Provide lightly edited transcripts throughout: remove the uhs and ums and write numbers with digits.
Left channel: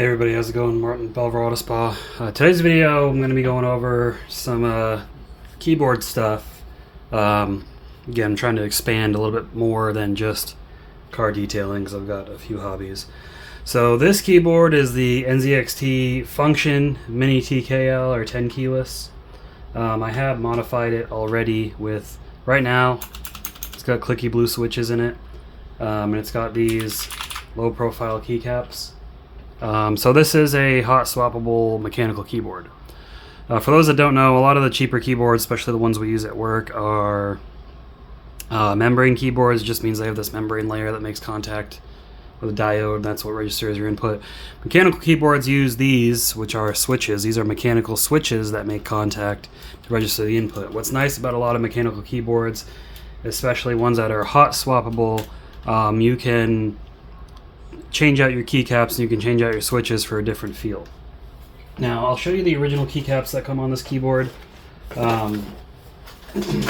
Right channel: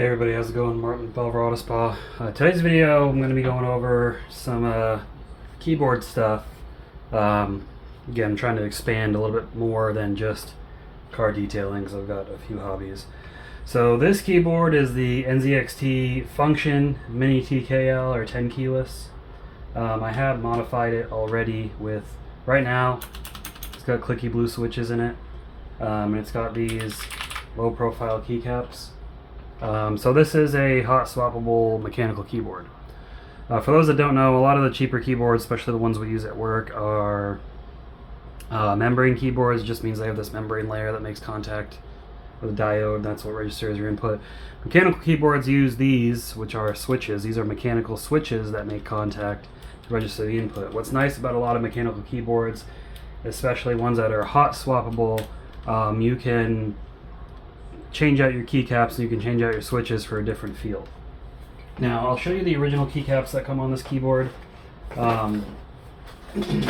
Hey everybody, how's it going? Martin, Belver Auto Spa. Today's video, I'm going to be going over some keyboard stuff. Again, I'm trying to expand a little bit more than just car detailing because I've got a few hobbies. So this keyboard is the NZXT Function MiniTKL or tenkeyless. I have modified it already with, right now, it's got clicky blue switches in it, and it's got these low profile keycaps. So this is a hot swappable mechanical keyboard. For those that don't know, a lot of the cheaper keyboards, especially the ones we use at work, are membrane keyboards. It just means they have this membrane layer that makes contact with a diode. That's what registers your input. Mechanical keyboards use these, which are switches. These are mechanical switches that make contact to register the input. What's nice about a lot of mechanical keyboards, especially ones that are hot swappable, you can change out your keycaps and you can change out your switches for a different feel. Now I'll show you the original keycaps that come on this keyboard. Let me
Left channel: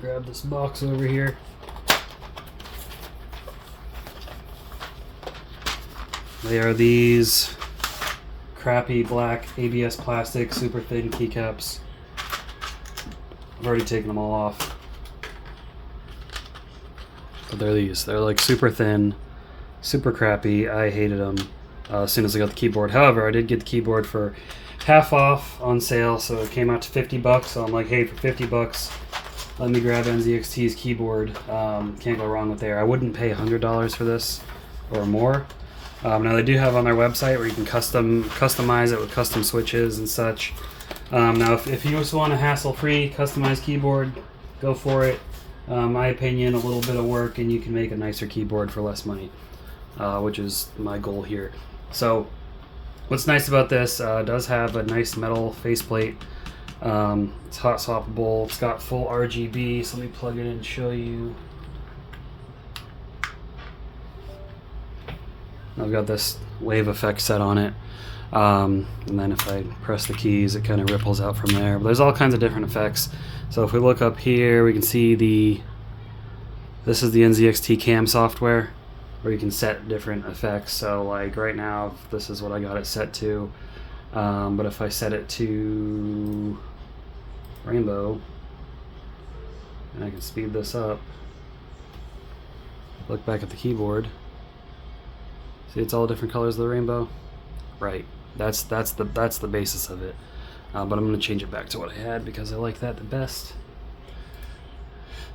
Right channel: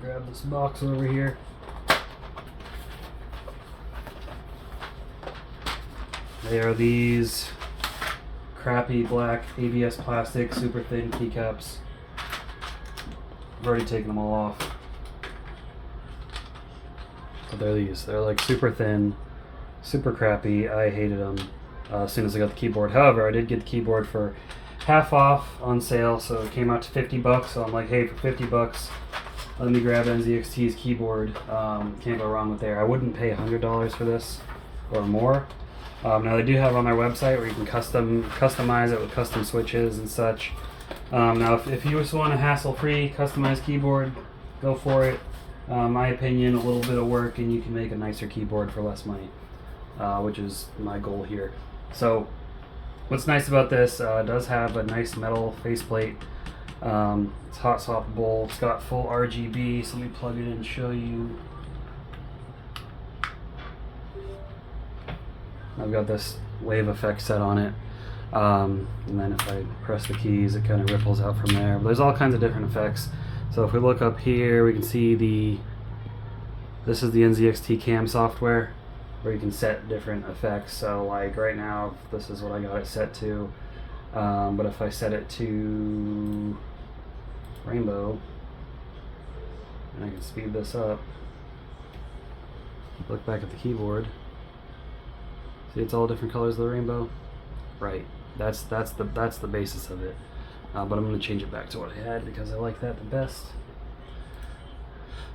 grab this box over here. They are these crappy black ABS plastic super thin keycaps. I've already taken them all off. But they're these. They're like super thin, super crappy. I hated them as soon as I got the keyboard. However, I did get the keyboard for half off on sale, so it came out to $50. So I'm like, hey, for $50, let me grab NZXT's keyboard. Can't go wrong with there. I wouldn't pay $100 for this or more. Now they do have on their website where you can customize it with custom switches and such. Now if you just want a hassle-free customized keyboard, go for it. My opinion, a little bit of work and you can make a nicer keyboard for less money. Which is my goal here. So what's nice about this, it does have a nice metal faceplate. It's hot swappable. It's got full RGB, so let me plug it in and show you. I've got this wave effect set on it, and then if I press the keys it kind of ripples out from there. But there's all kinds of different effects. So if we look up here, we can see this is the NZXT cam software, where you can set different effects. So like right now, this is what I got it set to. But if I set it to rainbow, and I can speed this up, look back at the keyboard. See, it's all different colors of the rainbow. Right. That's the basis of it. But I'm going to change it back to what I had because I like that the best.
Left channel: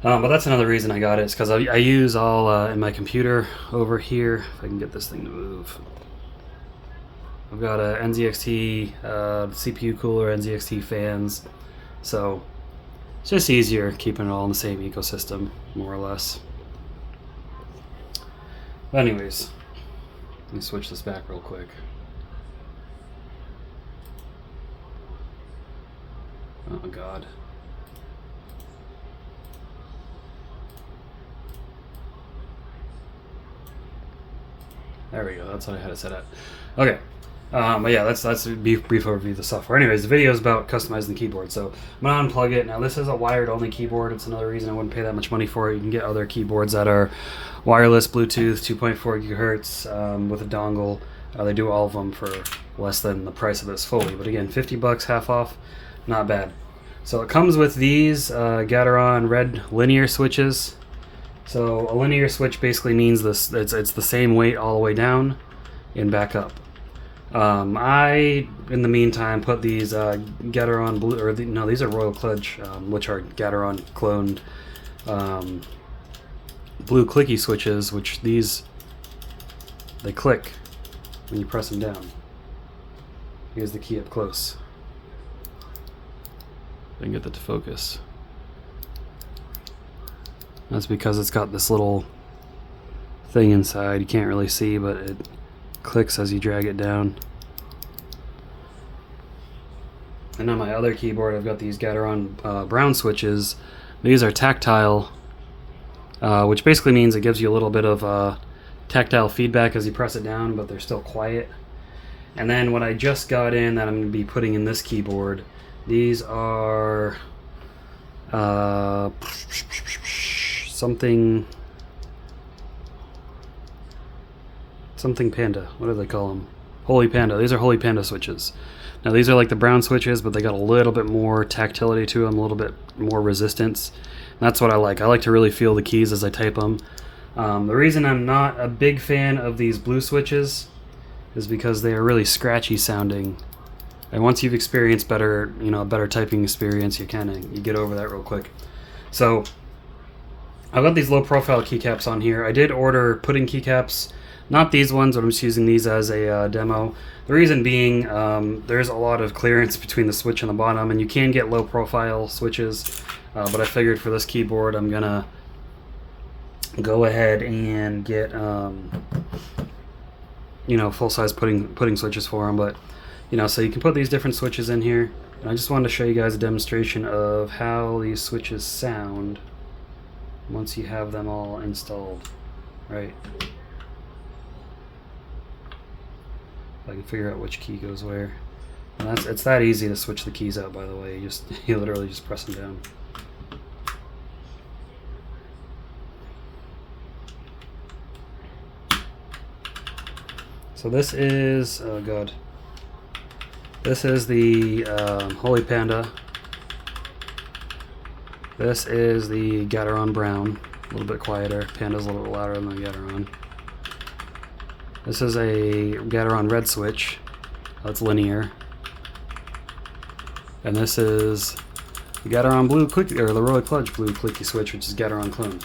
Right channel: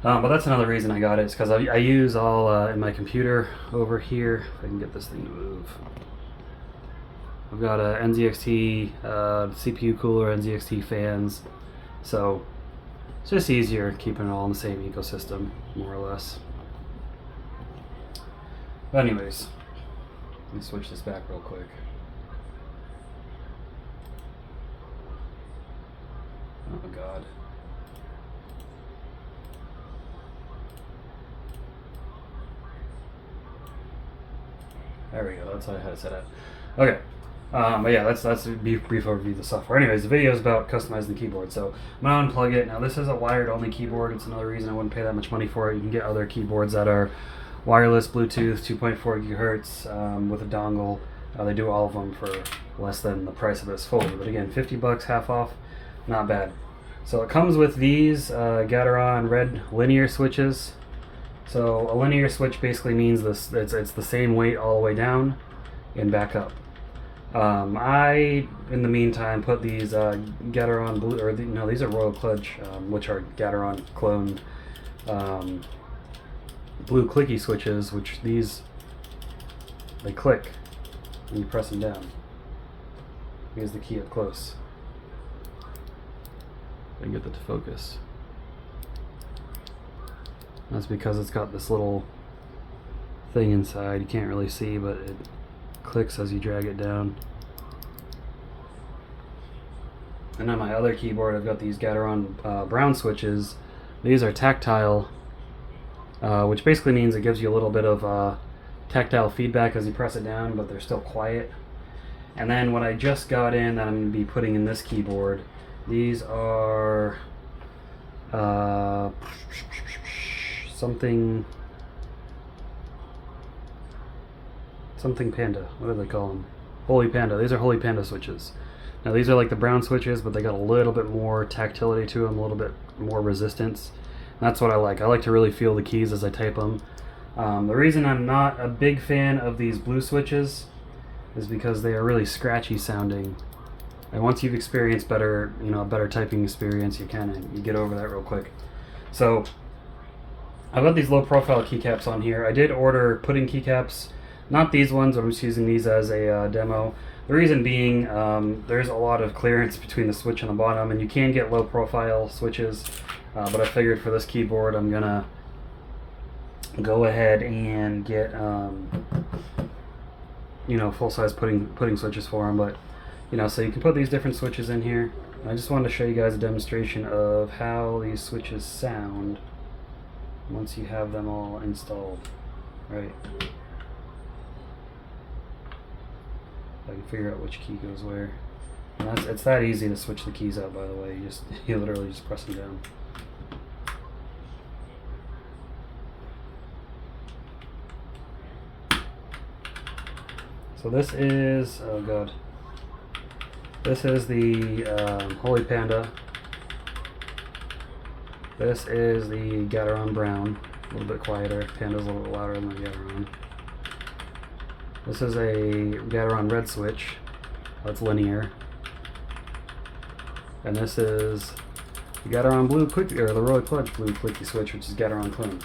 But that's another reason I got it. It's because I use all in my computer over here. If I can get this thing to move. I've got a NZXT CPU cooler, NZXT fans. So it's just easier keeping it all in the same ecosystem, more or less. But anyways, let me switch this back real quick. Oh God. There we go, that's what I had it set at. Okay, but yeah, that's a brief overview of the software. Anyways, the video is about customizing the keyboard. So I'm gonna unplug it. Now this is a wired only keyboard. It's another reason I wouldn't pay that much money for it. You can get other keyboards that are wireless, Bluetooth, 2.4 gigahertz with a dongle. They do all of them for less than the price of this fully. But again, $50 half off, not bad. So it comes with these Gateron red linear switches. So a linear switch basically means this it's the same weight all the way down and back up. I, in the meantime, put these Gateron blue, or no, these are Royal Kluge, which are Gateron cloned blue clicky switches, which they click when you press them down. Here's the key up close. I can get that to focus. That's because it's got this little thing inside. You can't really see, but it clicks as you drag it down. And on my other keyboard, I've got these Gateron brown switches. These are tactile, which basically means it gives you a little bit of tactile feedback as you press it down, but they're still quiet. And then what I just got in that I'm going to be putting in this keyboard, these are something Panda. What do they call them? Holy Panda. These are Holy Panda switches. Now these are like the brown switches, but they got a little bit more tactility to them, a little bit more resistance. And that's what I like. I like to really feel the keys as I type them. The reason I'm not a big fan of these blue switches is because they are really scratchy sounding. And once you've experienced better, a better typing experience, you get over that real quick. So I've got these low profile keycaps on here. I did order pudding keycaps, not these ones, but I'm just using these as a demo. The reason being, there's a lot of clearance between the switch and the bottom, and you can get low profile switches, but I figured for this keyboard I'm gonna go ahead and get full-size pudding switches for them. But so you can put these different switches in here. And I just wanted to show you guys a demonstration of how these switches sound once you have them all installed, right? I can figure out which key goes where. And it's that easy to switch the keys out, by the way. You literally just press them down. So this is, oh god, this is the Holy Panda. This is the Gateron Brown, a little bit quieter. Panda's a little bit louder than the Gateron. This is a Gateron Red switch, that's linear. And this is the Gateron Blue Clicky, or the Royal Kluge Blue Clicky switch, which is Gateron clone.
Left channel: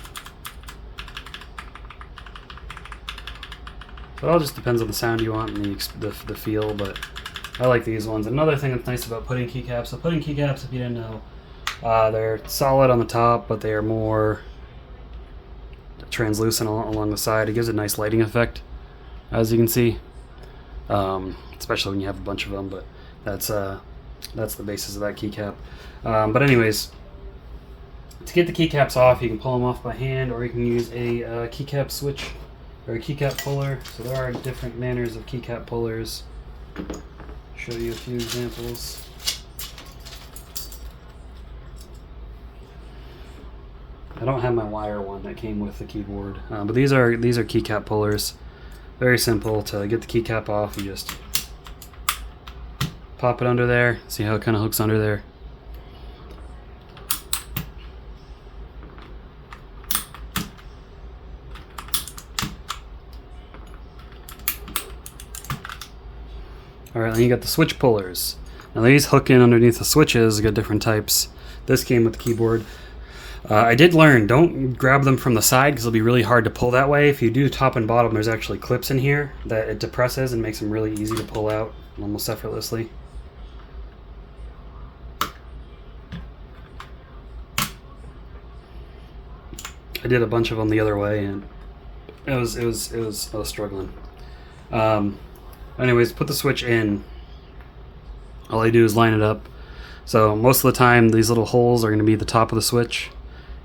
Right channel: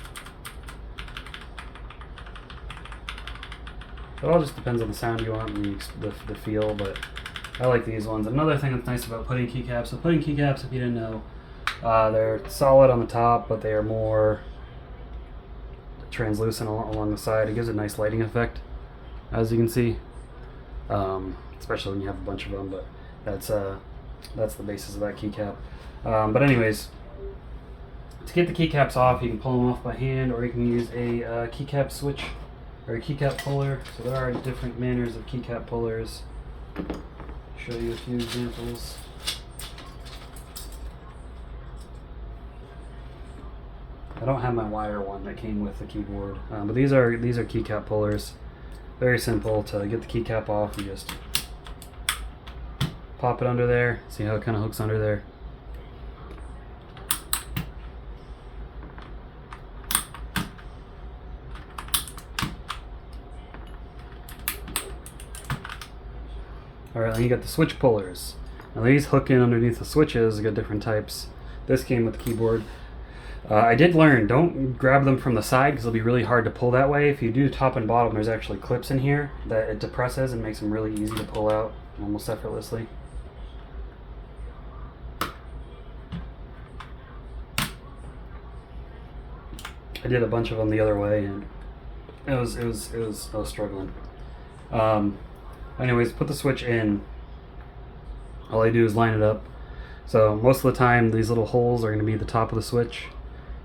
So it all just depends on the sound you want and the feel, but I like these ones. Another thing that's nice about pudding keycaps, so pudding keycaps, if you didn't know, they're solid on the top, but they are more translucent along the side. It gives a nice lighting effect, as you can see, especially when you have a bunch of them, but that's the basis of that keycap. But anyways, to get the keycaps off, you can pull them off by hand, or you can use a keycap switch or a keycap puller. So there are different manners of keycap pullers. Show you a few examples. I don't have my wire one that came with the keyboard, but these are keycap pullers. Very simple. To get the keycap off, you just pop it under there. See how it kind of hooks under there. Alright, then you got the switch pullers. Now these hook in underneath the switches. You got different types. This came with the keyboard. I did learn, don't grab them from the side because it'll be really hard to pull that way. If you do top and bottom, there's actually clips in here that it depresses and makes them really easy to pull out almost effortlessly. I did a bunch of them the other way, and I was struggling. Anyways, put the switch in. All I do is line it up. So most of the time, these little holes are going to be at the top of the switch,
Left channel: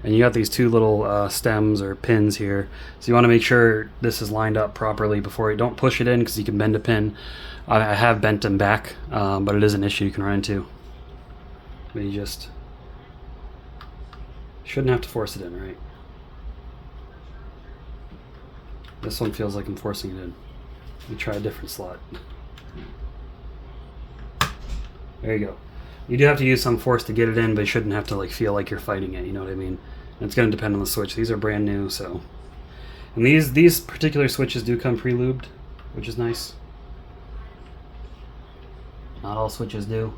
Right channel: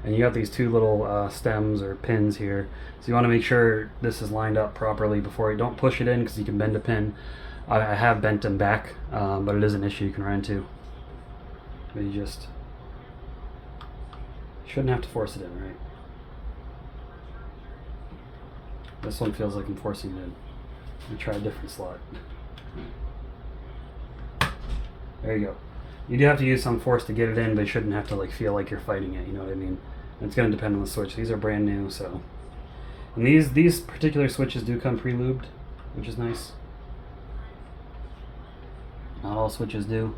and you got these two little stems or pins here. So you want to make sure this is lined up properly before you don't push it in, because you can bend a pin. I have bent them back, but it is an issue you can run into. But you just shouldn't have to force it in, right? This one feels like I'm forcing it in. Let me try a different slot. There you go. You do have to use some force to get it in, but you shouldn't have to feel like you're fighting it, you know what I mean? And it's going to depend on the switch. These are brand new, so. And these particular switches do come pre-lubed, which is nice. Not all switches do.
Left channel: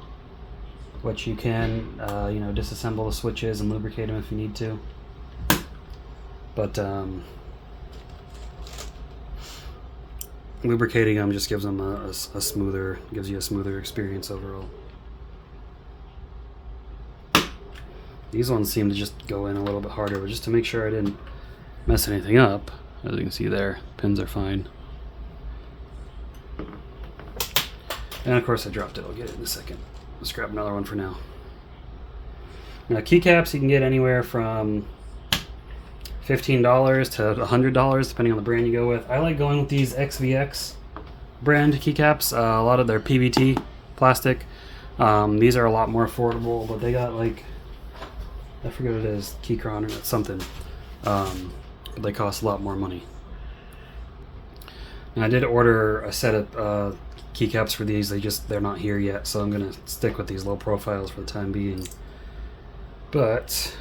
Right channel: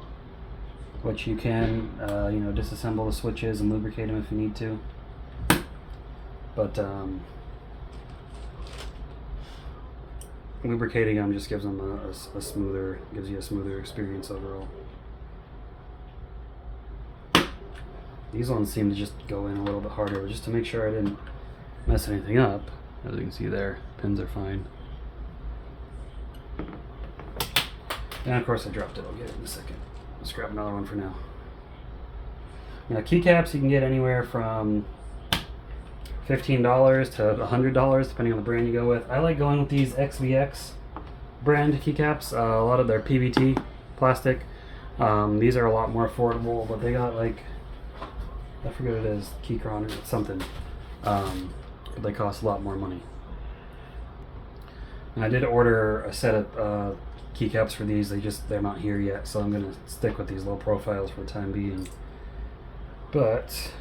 But you can, disassemble the switches and lubricate them if you need to. But lubricating them just gives them gives you a smoother experience overall. These ones seem to just go in a little bit harder, just to make sure I didn't mess anything up. As you can see there, pins are fine. And of course I dropped it, I'll get it in a second. Let's grab another one for now. Now keycaps you can get anywhere from $15 to $100 depending on the brand you go with. I like going with these XVX brand keycaps. A lot of their PVT plastic. These are a lot more affordable, but they got I forget what it is, Keychron or something. But they cost a lot more money. And I did order a set of keycaps for these. They're not here yet, so I'm gonna stick with these low profiles for the time being. But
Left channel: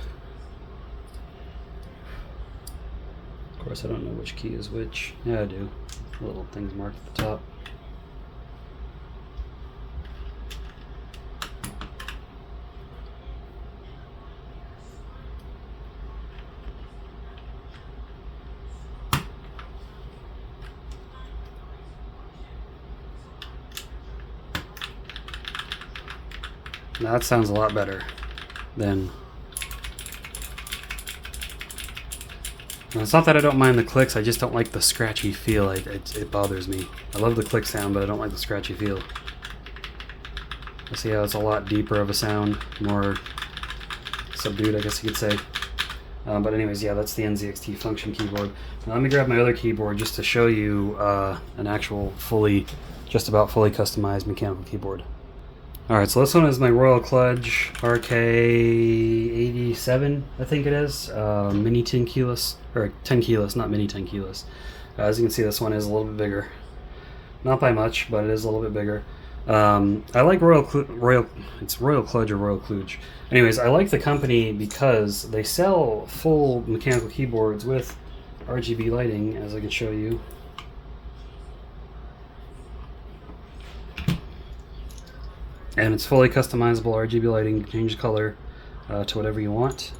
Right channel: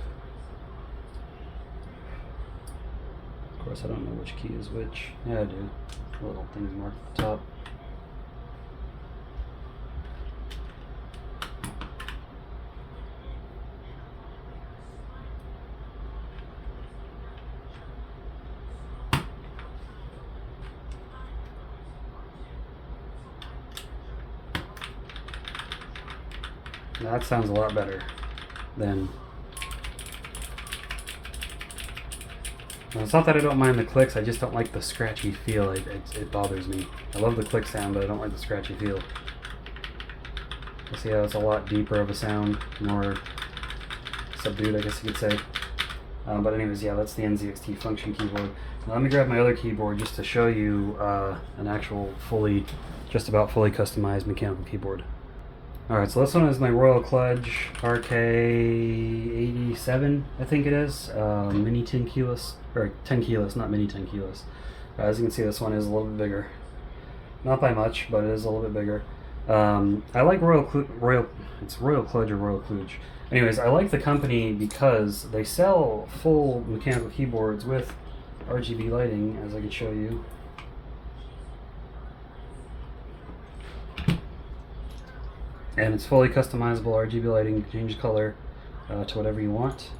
of course I don't know which key is which. Yeah, I do. Little things marked at the top. Now that sounds a lot better than... It's not that I don't mind the clicks, I just don't like the scratchy feel. It bothers me. I love the click sound, but I don't like the scratchy feel. You see how it's a lot deeper of a sound, more subdued, I guess you could say. But anyways, yeah, that's the NZXT function keyboard. Now let me grab my other keyboard just to show you an actual just about fully customized mechanical keyboard. Alright, so this one is my Royal Kluge RK87, I think it is. MiniTKL, or tenkeyless, not MiniTKL. As you can see, this one is a little bit bigger. Not by much, but it is a little bit bigger. I like it's Royal Kluge or Royal Kluge. Anyways, I like the company because they sell full mechanical keyboards with RGB lighting, as I can show you. And it's fully customizable RGB lighting. You can change the color to whatever you want.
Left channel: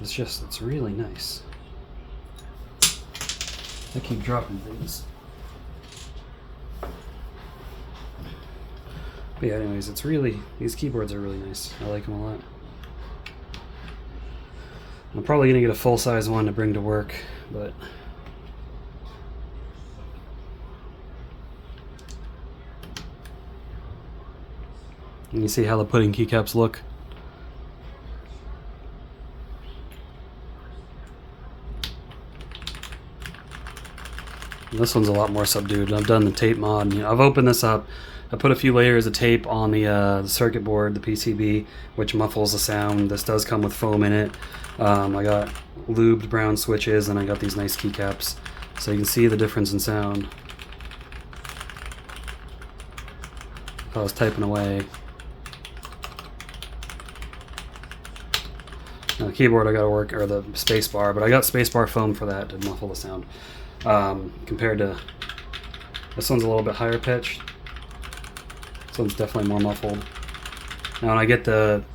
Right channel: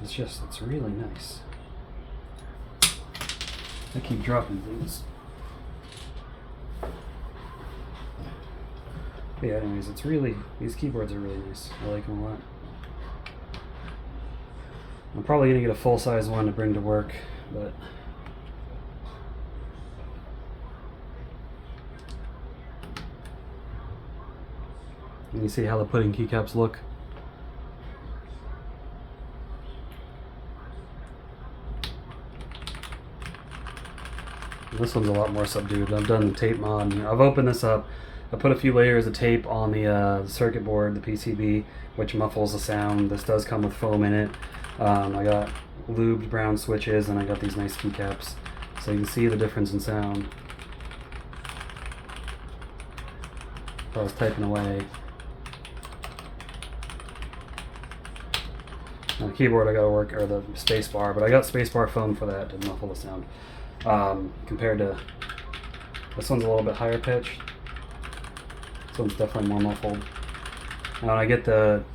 It's really nice. I keep dropping things. But yeah, anyways, these keyboards are really nice. I like them a lot. I'm probably gonna get a full-size one to bring to work, but you see how the pudding keycaps look. And this one's a lot more subdued. I've done the tape mod. I've opened this up. I put a few layers of tape on the circuit board, the PCB, which muffles the sound. This does come with foam in it. I got lubed brown switches, and I got these nice keycaps, so you can see the difference in sound. If I was typing away. Now the keyboard I got to work, or the space bar, but I got space bar foam for that to muffle the sound. Compared to this one's a little bit higher pitched. This one's definitely more muffled. Now when I get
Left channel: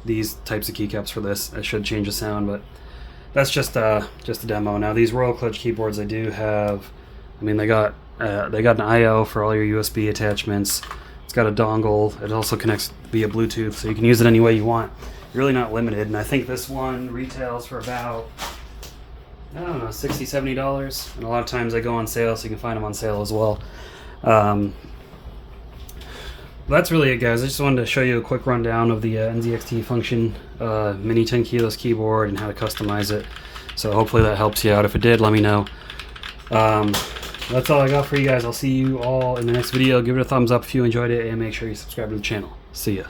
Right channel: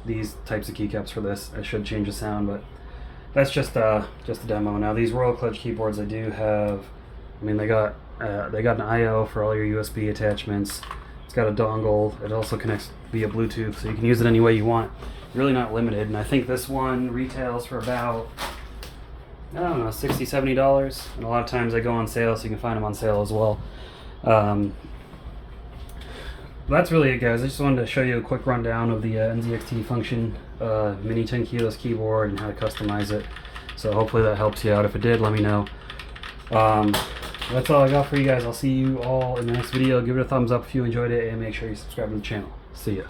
these types of keycaps for this, I should change the sound, but that's just a demo. Now these Royal Kluge keyboards, I do have. I mean, they got an I/O for all your USB attachments. It's got a dongle. It also connects via Bluetooth, so you can use it any way you want. You're really not limited. And I think this one retails for about, I don't know, $60, $70. And a lot of times they go on sale, so you can find them on sale as well. That's really it, guys. I just wanted to show you a quick rundown of the NZXT function MiniTKL keyboard and how to customize it. So hopefully that helps you out. If it did, let me know. That's all I got for you guys. I'll see you all in the next video. Give it a thumbs up if you enjoyed it, and make sure you subscribe to the channel. See ya.